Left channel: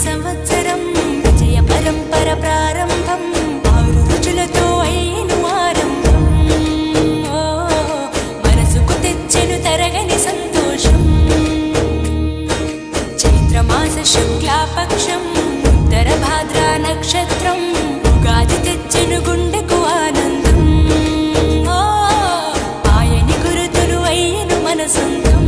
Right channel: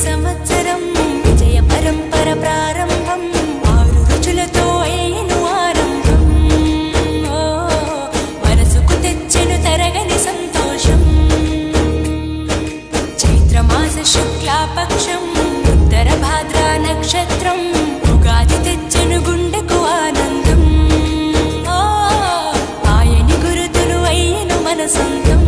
సంవత్సరం విజయ పరంపర ప్రారంభం 6 రుచులతో అయిను ఆరంభం మనసుకు తెచ్చెను తరగని సంతోషం చైత్రమాస శుక్లాపక్షం ఉత్తర భాద్రా నక్షత్రం ఉగాది తెచ్చెను గుండెకు ఆనందం ఆయని గురుతులు అయ్యను మన సొంతం